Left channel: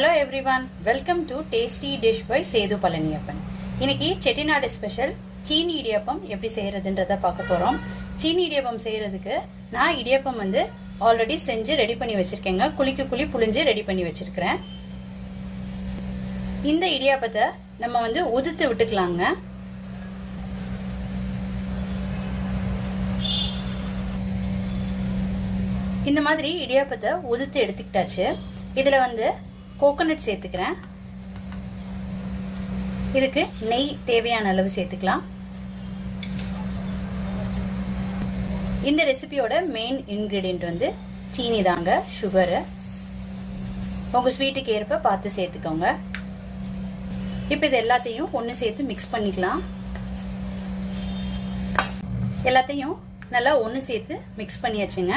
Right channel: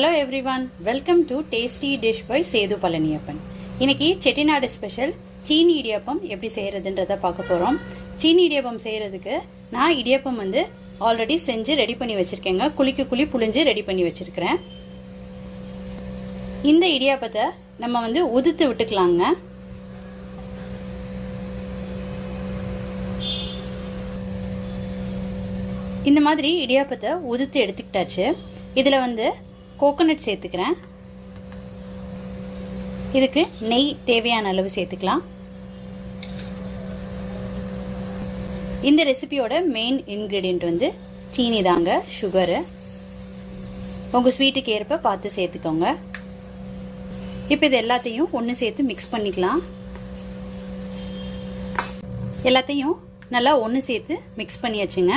Hello everyone, welcome to Tasty Dish by Sethu Palaniappan. இன்னைக்கு Chettinad special சீனி இடியாப்பம் எப்படி செய்யறதுன்றத பார்க்க போறோம். சீனி இடியாப்பம் செய்யறதுக்கு நான் இடியாப்பம் ஆல்ரெடி செஞ்சு ரெடி பண்ணி வச்சிருக்கேங்க. குளிக்கு குழி புளிஞ்சு ரெடி பண்ணி வச்சிருக்கிறேன். இந்த இடியாப்பத்தை நம்ம உதுத்து விட்டுக்கலாங்க. இந்த மாதிரி இடியாப்பத்தை உதுத்து எடுத்துக்கிட்டாச்சு. இதுல கோகோனட் சேர்த்துக்கிறேன். இதுக்கு நெய் தேவையான அளவு சேர்த்துக்கலாம். இந்த ரெசிபியோட மெயின் இன்கிரீடியன்ட் சீனி தாங்க, சுகரு. உங்க ஸ்வீட்டுக்கு ஏற்ப பார்த்து சேர்த்துக்கோங்க. இப்போ இது எல்லாத்தையும் ஒன்று சேர்த்து மிக்ஸ் பண்ணிக்கலாம். எல்லாத்தையும் நல்லா ஒன்று சேர்த்து மிக்ஸ் பண்ணியாச்சுங்க.